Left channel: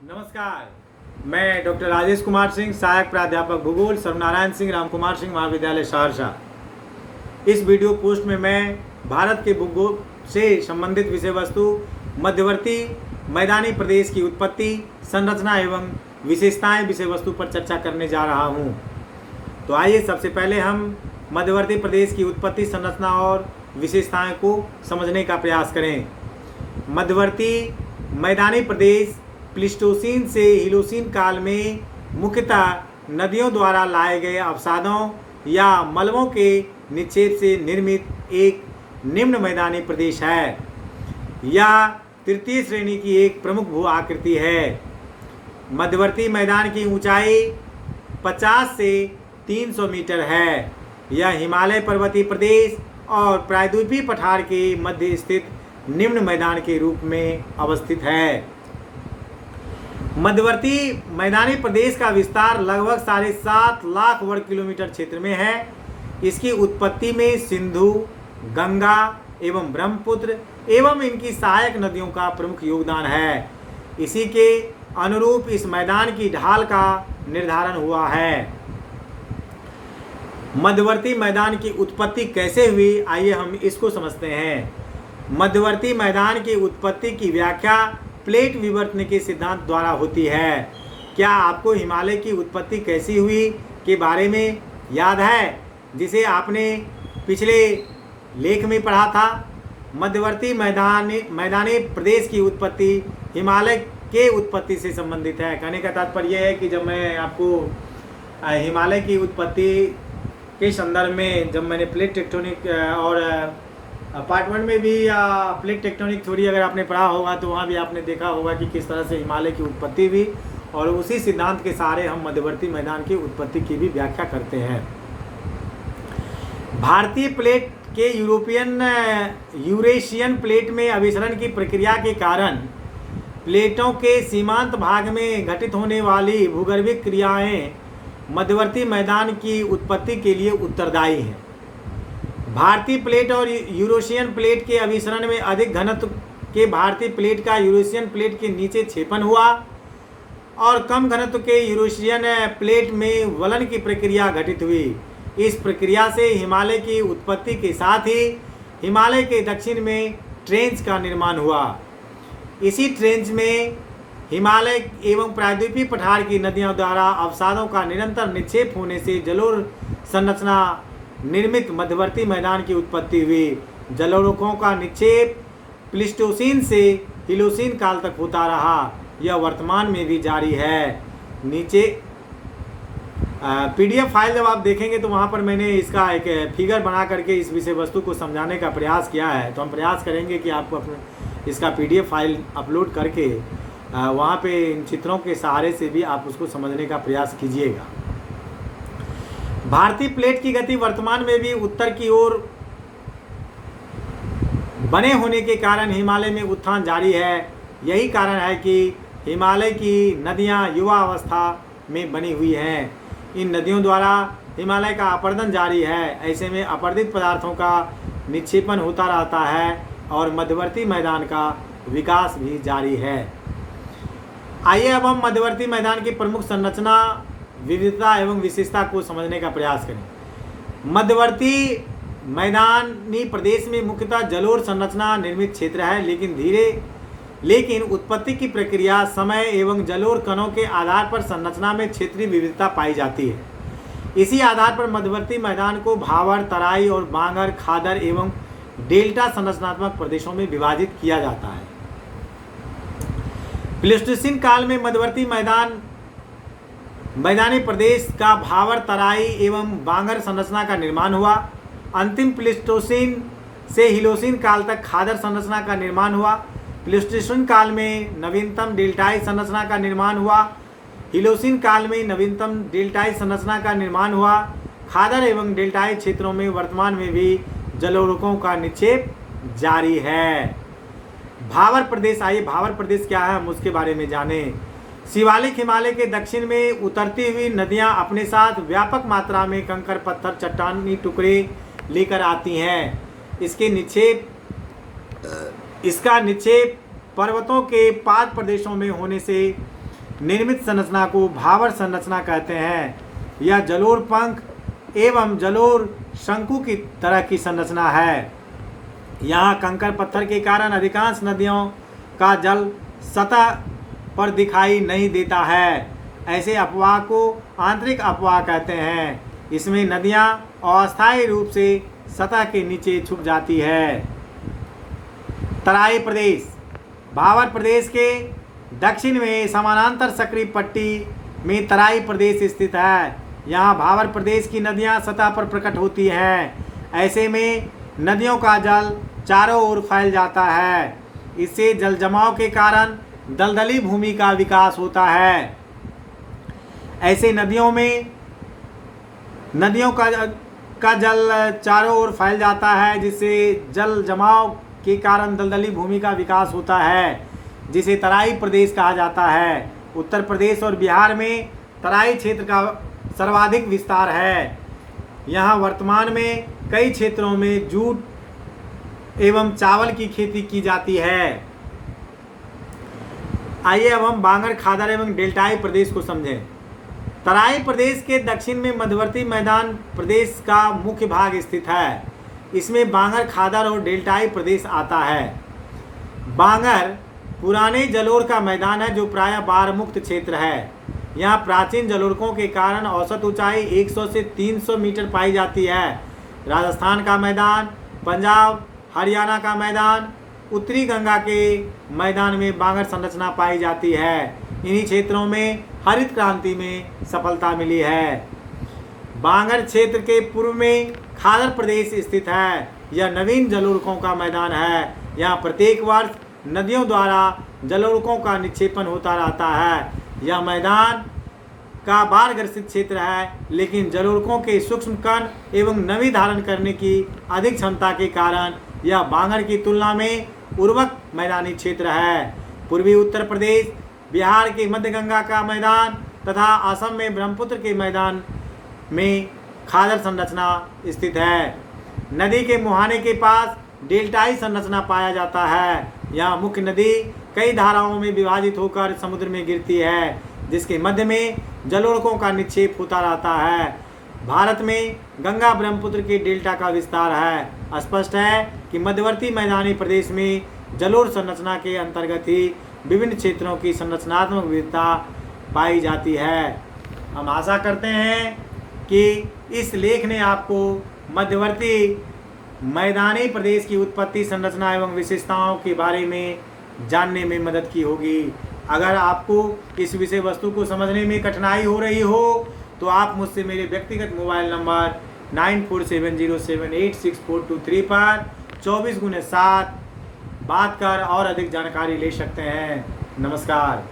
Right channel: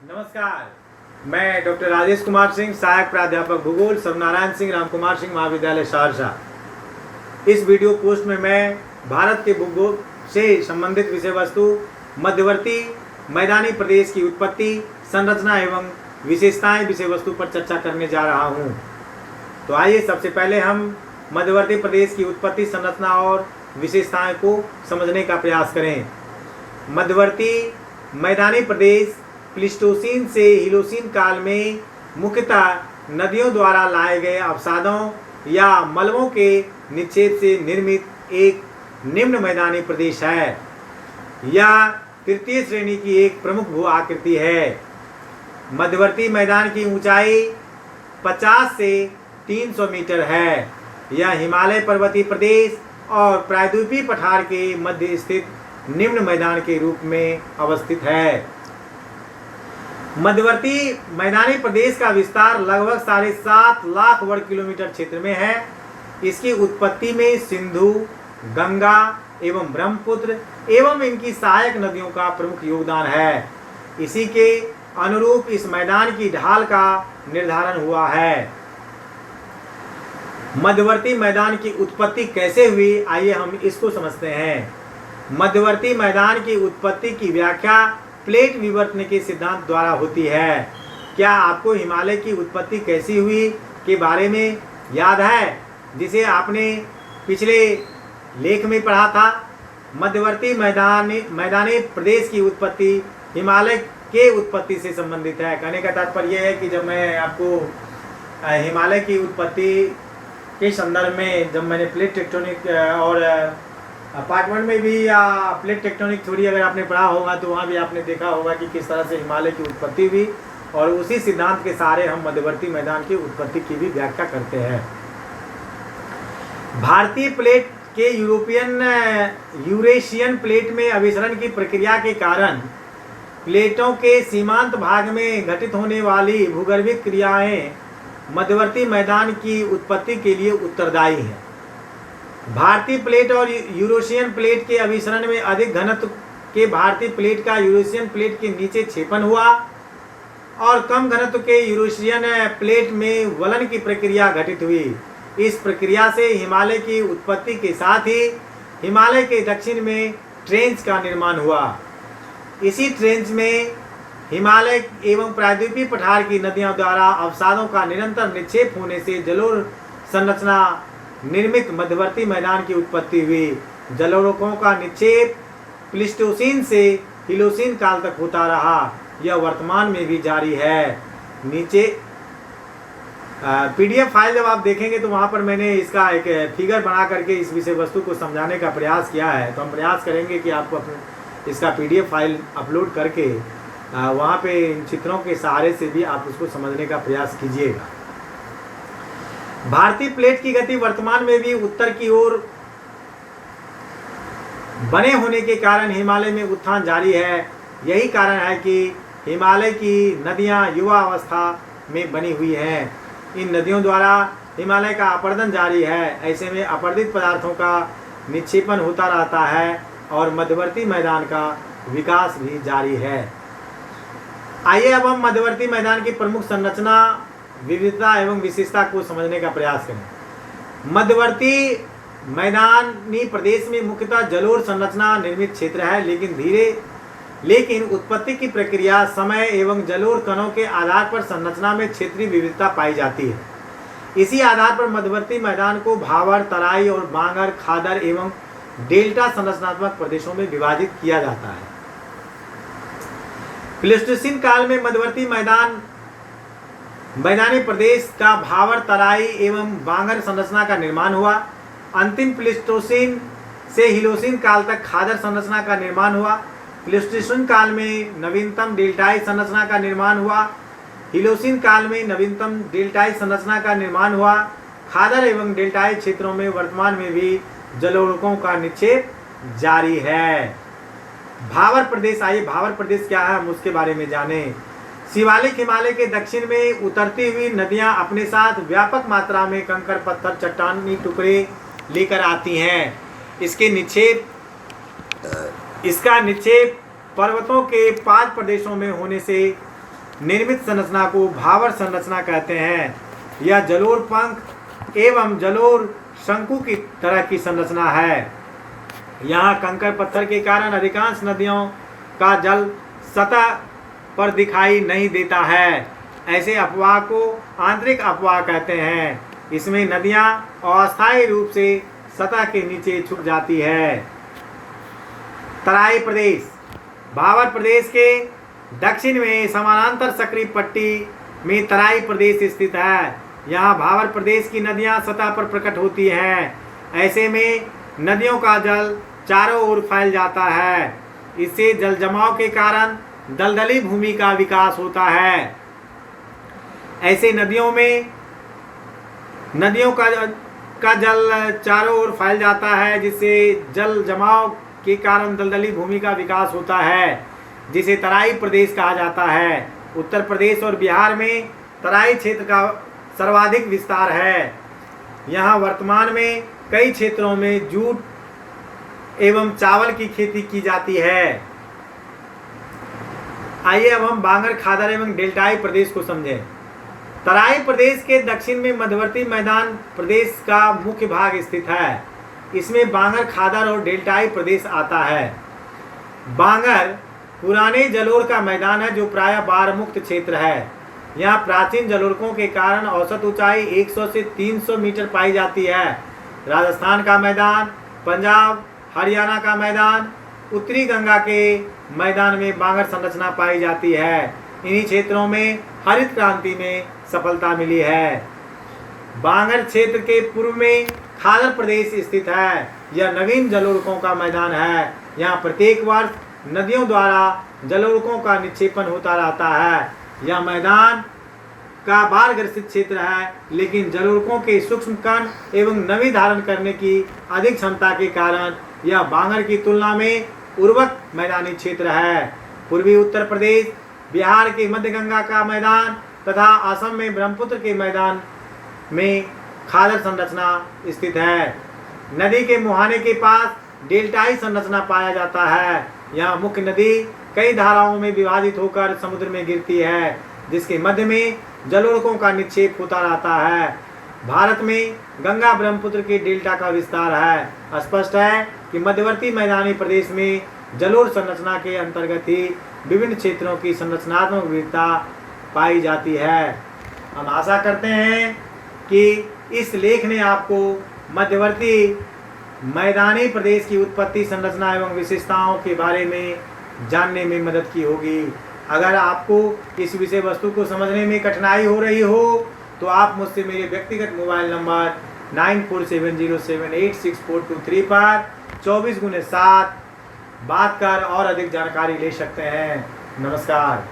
नमस्कार, मैं डॉक्टर राजेश कुमार सिंह, सहायक प्राध्यापक भूगोल, सर्वनारायण सिंह राम कुमार सिंह महाविद्यालय सहरसा। इस वीडियो पोस्ट में मैं भारत के भूगोल से संबंधित विषय वस्तु, मध्यवर्ती मैदानी प्रदेश की उत्पत्ति, संरचना एवं विशेषताएं विषय वस्तु पर चर्चा करने जा रहा हूं। तो आइए सबसे पहले हम मध्यवर्ती प्रदेश की उत्पत्ति, संरचना और विशेषताएं को समझने का प्रयास करें। मध्यवर्ती मैदानी प्रदेश प्लीस्टोसीन से हीलोसीन काल में मुख्यतः नदियों द्वारा लाए गए अवसादों या मलबों के निक्षेप से निर्मित एक निम्न मैदानी प्रदेश है। यह तृतीय श्रेणी की एक प्रमुख भू आकृति है। मध्यवर्ती मैदान की ऊंचाई 50 से 300 मीटर है। यह हिमालय पर्वतीय प्रदेश और प्रायद्वीपीय पठार के मध्य स्थित निम्न मैदान के रूप में अवस्थित है। मध्यवर्ती मैदानी प्रदेश का विस्तार लगभग 7.5 लाख वर्ग किलोमीटर क्षेत्र में है। इसकी उत्पत्ति में सिंधु, गंगा एवं ब्रह्मपुत्र एवं इनकी सहायक नदियों का प्रमुख योगदान है। इसी के अनुरूप इस मैदान की ढाल का निर्धारण हुआ है। मध्यवर्ती मैदान की उत्पत्ति कैसे हुई, आइए हम इसको समझते हैं। मध्यवर्ती मैदान की उत्पत्ति की व्याख्या प्लेट विवर्तन के सिद्धांत द्वारा होती है। क्या आपको हिमालय की उत्पत्ति कैसी हुई के बारे में याद है, जिसे आपने पिछले लेख में पढ़ा था? मध्यवर्ती मैदानी प्रदेश की उत्पत्ति हिमालय के उत्पत्ति से संबंधित है। कहने का तात्पर्य यह है कि जब मैं आपको हिमालय की उत्पत्ति के संदर्भ में, जब मैंने प्लेट टेक्टोनिक और अपार्टमेंट में भी या प्लेट टेक्टोनिक थ्योरी अगर आपने पढ़ा होगा तो वहाँ भी आपने देखा होगा कि किस तरह से हिमालय की उत्पत्ति हुई, और उसी सिद्धांत के सहारे हम मध्यवर्ती मैदान की उत्पत्ति की भी व्याख्या करते हैं। भारतीय प्लेट के यूरेशियन प्लेट में अभिसरण की प्रक्रिया के कारण प्लेटों के सीमांत भाग में घटित होने वाली भूगर्भिक क्रियाएं मध्यवर्ती मैदान की उत्पत्ति के लिए उत्तरदायी हैं। भारतीय प्लेट और यूरेशियन प्लेट के अभिसरण में अधिक घनत्व के भारतीय प्लेट का यूरेशियन प्लेट के नीचे क्षेपण हुआ और कम घनत्व के यूरेशियन प्लेट में वलन की प्रक्रिया घटित हुई। इस प्रक्रिया से हिमालय की उत्पत्ति के साथ ही हिमालय के दक्षिण में ट्रेंच का निर्माण हुआ। इसी ट्रेंच में हिमालय एवं प्रायद्वीपीय पठार की नदियों द्वारा अवसादों का निरंतर निक्षेप होने से जलोढ़ संरचना निर्मित मध्यवर्ती मैदान की उत्पत्ति हुई। जलोढ़कों का निक्षेप प्लीस्टोसीन से हीलोसीन काल तक होता रहा। यह वर्तमान में भी जारी है। नीचे पीडीएफ फाइल जब आप देखेंगे तो वहाँ पर मैंने इसका एक फिगर बना करके इस विषय वस्तु को समझाने का प्रयास किया है। तो हम प्रयास करेंगे कि आपको अपने इसका पीडीएफ फाइल अपलोड करके वहाँ पे इन चित्रों के सहारे से भी आप उसको समझने का प्रयास कीजिएगा। भारतीय प्लेट की गति वर्तमान में भी उत्तर की ओर बने होने के कारण हिमालय में उत्थान जारी है। यही कारण है कि हिमालय की नदियां युवा अवस्था में बनी हुई हैं। इन नदियों द्वारा हिमालय का अपरदन जारी है। ऐसे में अपरदित पदार्थों का निक्षेपण होता रहता है और मध्यवर्ती मैदान का विकास भी जारी है। आइए अब हम मध्यवर्ती मैदान की प्रमुख संरचना, विविधता एवं विशेषता को समझने का प्रयास करें। मध्यवर्ती मैदानी प्रदेश में मुख्यतः जलोढ़ संरचना निर्मित क्षेत्र है, लेकिन उत्पत्ति की प्रक्रिया, समय एवं जलोढ़ कणों के आधार पर संरचना में क्षेत्रीय विविधता पाई जाती है। इसी आधार पर मध्यवर्ती मैदान को भावर, तराई और बांगर, खादर एवं डेल्टा संरचनात्मक प्रदेशों में विभाजित किया जाता है। प्लीस्टोसीन काल में मध्यवर्ती मैदानी प्रदेश का भावर, तराई एवं बांगर संरचना का निर्माण हुआ। अंतिम प्लीस्टोसीन से हीलोसीन काल तक खादर संरचना का निर्माण हुआ। प्लीस्टोसीन काल में नवीनतम डेल्टाई संरचना का निर्माण हुआ। हीलोसीन काल में नवीनतम डेल्टाई संरचना का निर्माण हुआ। खादर एवं डेल्टाई क्षेत्रों में वर्तमान में भी जलोढ़कों का निक्षेप जारी है। भावर प्रदेश, आइए भावर प्रदेश क्या है हम उसके बारे में जानें। शिवालिक हिमालय के दक्षिण में उतरती हुई नदियां अपने साथ व्यापक मात्रा में कंकड़, पत्थर, चट्टानी टुकड़े लेकर आती हैं। इसका निक्षेप पर्वतों के पाद प्रदेशों में होने से निर्मित संरचना को भावर संरचना कहते हैं। यह जलोढ़ पंख एवं जलोढ़ शंकु की तरह की संरचना है। यहाँ कंकड़ पत्थर के कारण अधिकांश नदियों का जल सतह पर दिखाई नहीं देता है। ऐसे अपवाह को आंतरिक अपवाह कहते हैं। इसमें नदियाँ अस्थायी रूप से सतह के नीचे छुप जाती है। तराई प्रदेश। भावर प्रदेश के दक्षिण में समानांतर सक्रिय पट्टी में तराई प्रदेश स्थित है। यहाँ भावर प्रदेश की नदियाँ सतह पर प्रकट होती हैं। ऐसे में नदियों का जल चारों ओर फैल जाता है। इससे जल जमाव के कारण दलदली भूमि का विकास होता है। ऐसे नदियों का जल चारों ओर फैल जाता है, जिससे जल जमाव के कारण दलदली भूमि का विकास होता है, जिसे तराई प्रदेश कहा जाता है। उत्तर प्रदेश और बिहार में तराई क्षेत्र का सर्वाधिक विस्तार है। यहाँ वर्तमान में कई क्षेत्रों में जूट एवं चावल की खेती की जाती है। आइए अब हम बांगर खादर एवं डेल्टाई प्रदेश को समझें। तराई प्रदेश के दक्षिण में मध्यवर्ती मैदान प्रदेश का मुख्य भाग स्थित है। इसमें बांगर खादर और डेल्टाई प्रदेश आता है। बांगर पुराने जलोढ़ का मैदान है, जो प्रायः बाढ़ मुक्त क्षेत्र है। यहाँ प्राचीन जलोढ़ों के कारण औसत ऊंचाई 100 से 300 मीटर पाई जाती है। राजस्थान का मैदान, पंजाब हरियाणा का मैदान, उत्तरी गंगा के मैदान में बांगर संरचना पाई जाती है। इन्हीं क्षेत्रों में हरित क्रांति में सफलता मिली है। बांगर क्षेत्र के पूर्व में खादर प्रदेश स्थित है। यह नवीन जलोढ़ों का मैदान है। यहाँ प्रत्येक वर्ष नदियों द्वारा जलोढ़ों का निक्षेपण होता रहता है। यह मैदान का बाढ़ ग्रसित क्षेत्र है, लेकिन जलोढ़ों के सूक्ष्म कण एवं नमी धारण करने की अधिक क्षमता के कारण यह बांगर की तुलना में उर्वरक मैदानी क्षेत्र है। पूर्वी उत्तर प्रदेश, बिहार के मध्य गंगा का मैदान तथा असम में ब्रह्मपुत्र के मैदान में खादर संरचना स्थित है। नदी के मुहाने के पास डेल्टाई संरचना पाया जाता है। यहाँ मुख्य नदी कई धाराओं में विभाजित होकर समुद्र में गिरती है, जिसके मध्य में जलोढ़ों का निक्षेप होता रहता है। भारत में गंगा ब्रह्मपुत्र के डेल्टा का विस्तार है। स्पष्ट है कि मध्यवर्ती मैदानी प्रदेश में जलोढ़ संरचना के अंतर्गत ही विभिन्न क्षेत्रों की संरचनात्मक विविधता पाई जाती है। हम आशा करते हैं कि इस लेख ने आपको मध्यवर्ती मैदानी प्रदेश की उत्पत्ति, संरचना एवं विशेषताओं के बारे में जानने में मदद की होगी। अगर आपको इस विषय वस्तु को समझने में कठिनाई हो रही हो तो आप मुझसे मेरे व्यक्तिगत मोबाइल नंबर 9470786423 पर 24x7 बात कर और अधिक जानकारी ले सकते हैं। नमस्कार।